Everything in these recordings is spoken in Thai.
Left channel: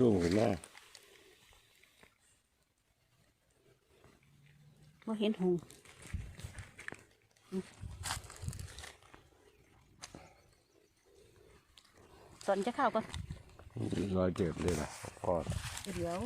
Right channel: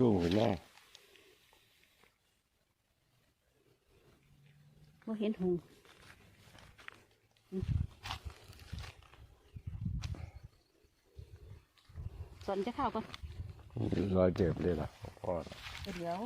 สูงขึ้นมาว่าเห็นหงอืมสอนจะเข้าก่อนรอยเจ็บเลยล่ะพ่อเดี๋ยว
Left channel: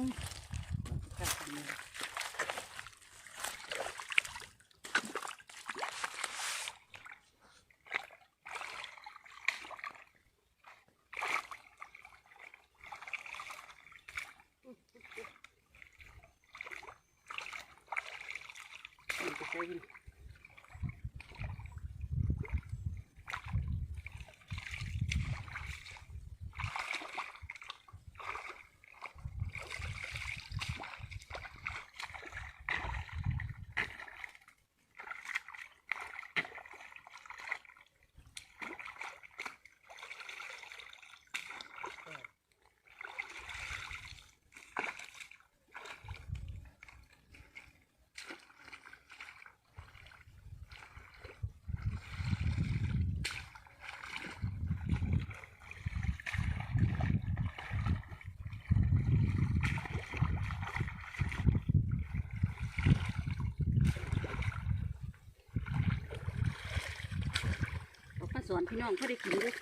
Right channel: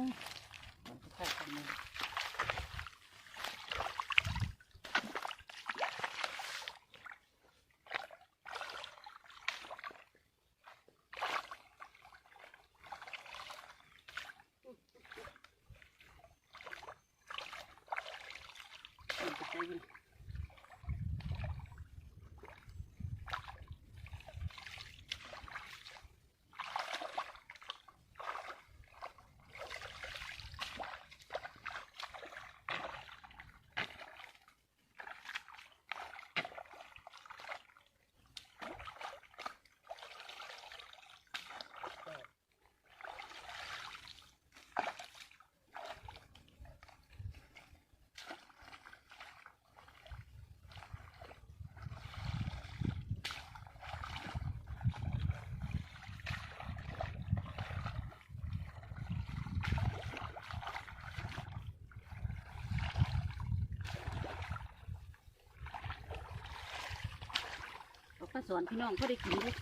อนพี่น้องเขาได้กินด้วย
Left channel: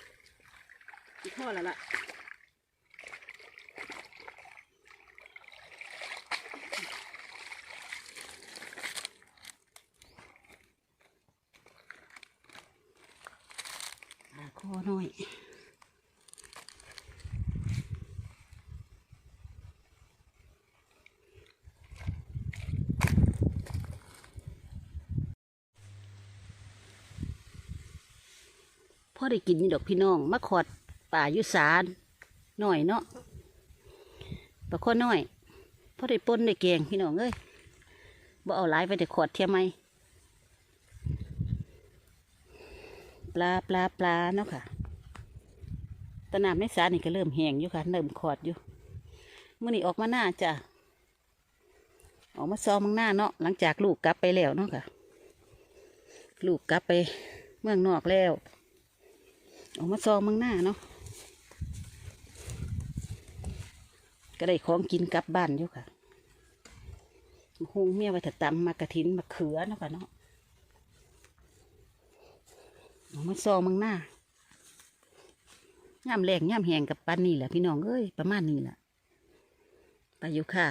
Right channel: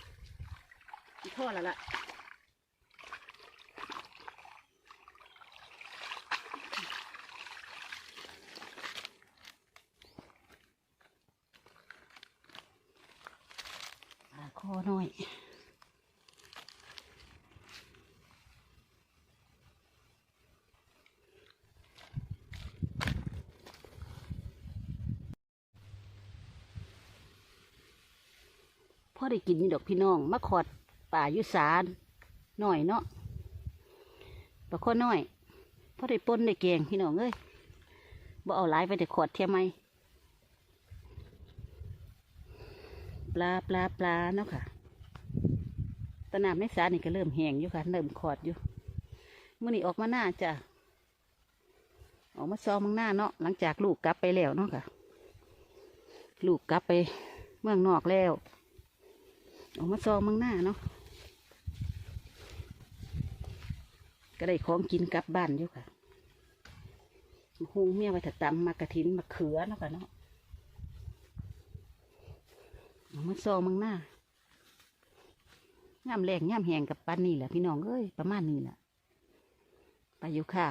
พ่อแล้วล่ะอ่าคอหน่อย อได้กินนี่ดอกพี่น้องมะขอดป่าอยุสานหน่อยเนาะปลาข้อน้อยพ่อได้ปนได้แกงพี่น้องเอ้ยบ่เอาหลายไปแต่ขอดเทียมไหมปลาปลาปลาเนาะค่ะตะนามในสานี่ก็เริ่มแห้งอยู่ค่ะเริ่มขอดอยู่เมื่อนี้ออกมาหน้าจ้ะออกมาซ้อมมังหน้าเนาะหลังจากลูกกลับไปแล้วเนาะค่ะ ลูกกลับไปเมืองนอกแล้ว ออกมาซองมังหน้าเนาะก็ได้ของกินกลับบ้านอยู่ค่ะหงเมียไว้ถ้าตำมากระถินมาเขือเนาะค่ะเนาะออกมาซองมังหน้าย่ำแรงย่ำแหงกับปันนี่แหละพี่น้องเอ้ยประมาณนี้แหละไปอยู่ค่ะ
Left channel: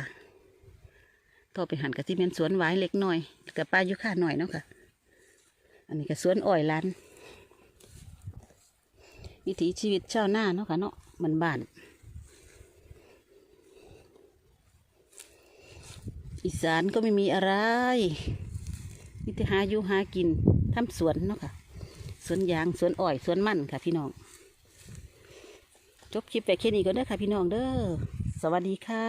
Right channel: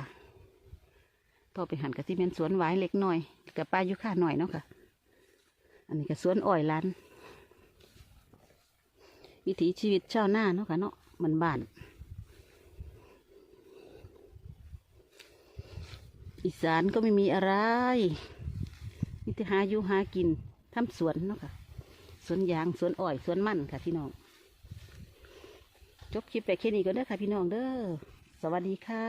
ต่อไปหันกับที่เป็นสวนหวายเล็กหน่อยกับปลายู่ค่ะหน่อยเนาะค่ะ อันนี้ก็สวนอ้อยล้าน วิถีชีวิตชาวนาเนาะค่ะเนาะมันบ้าน อีสานก็ไม่มีอะไรมีแต่หาอยู่หากินทำสวนเนาะค่ะ สวนยางสวนอ้อยสวนมันค่ะพี่น้อง จบคลิปแต่แค่นี้ก็ได้อค่ะพี่น้องเด้อ สวัสดีค่ะ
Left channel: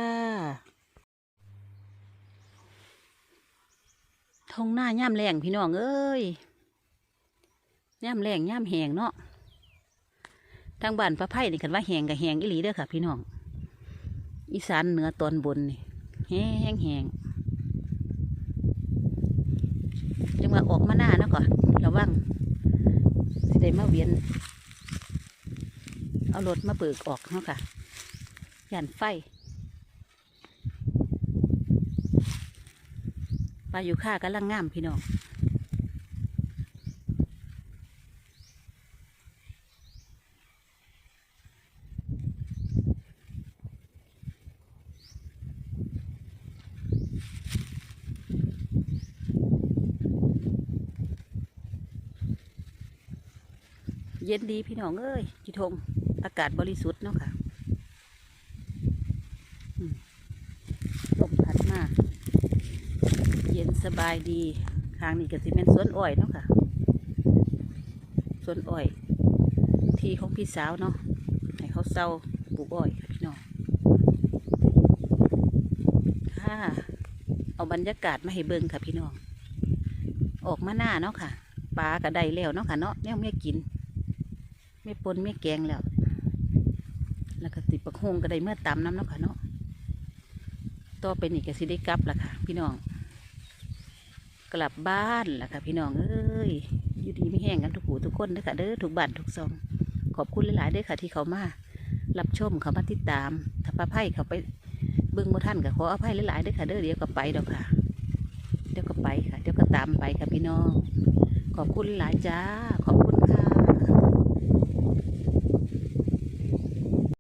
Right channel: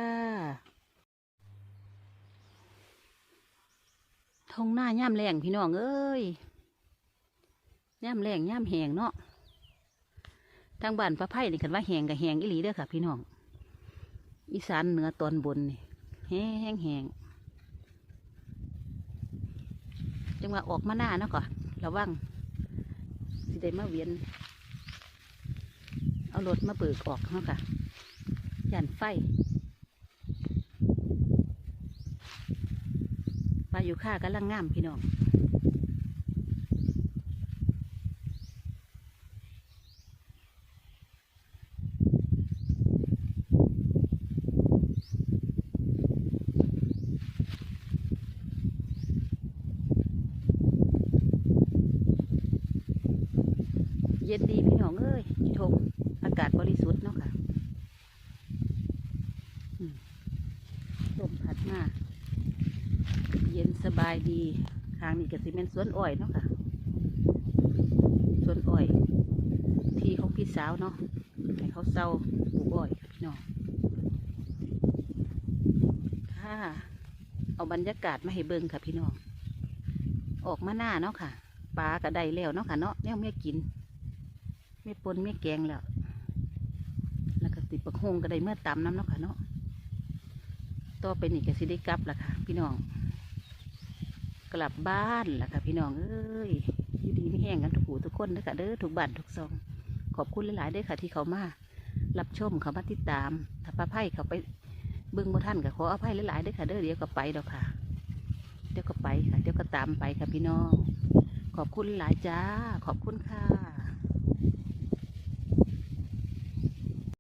ทงหน้าย่ำแรงพี่น้องเอ้ยย่ำแรงย่ำแหงเนาะ ทางบ้านพระไผ่นี่คันว่าแหงกับแหงอีหลีเด้อค่ะ พี่น้อง อีสานเหนือตอนบนนี่แห้งแหงจังว่าออกมาหน้าเนาะก่อนระวังสิได้มาเวียน เอารถมาเบิกออกเนาะค่ะย่นไฟปลาอยู่ค่ากำลังงามพี่น้อง เย็นดีพี่น้องเอ้ยอีทงอากาศบริสุทธิ์เนาะค่ะลมพัดมาเย็นสบายดีทางนี้ก็สิเป็นสวนอ้อยเนาะค่ะสวนอ้อย ที่ของพี่สาวเนาะให้เขาเศร้าปลูกอ้อยพี่น้องค่ะเอาบรรยากาศมาให้เบิ่งค่ะพี่น้อง ออกมาหน้าเนาะค่ะปลาก็ไดแล้วเนาะค่ะเนาะแนวเมียกิน ไม่ปนไม่แกงแล้ว แล้วก็ติดประคงก็ได้เมื่อตำน้ำเนาะค่ะเนาะต่อไปนี่ก็สิได้กลับละค่ะ พี่น้อง กลับบ้านละค่ะ พี่น้องเอ้ยอยู่ดีไม่แห้งกันทุกหูทุกคนเด้อค่ะเด้อทุกบ้านทุกซอง ขอบคุณหลายๆเด้อค่ะ ที่เขามารับชมเขามาติดตาม ถ้าป้าไพ่เขาไปเบิ่งบ่ท่านก็ขออภัยหลายๆด้อค่ะเด้อเดี๋ยวก็ไปดอกค่ะ เดี๋ยวก็ไปค่ะ เดี๋ยวก็ตามไปค่ะพี่น้อง ขอบคุณหลายจ้า ขอบคุณค่ะ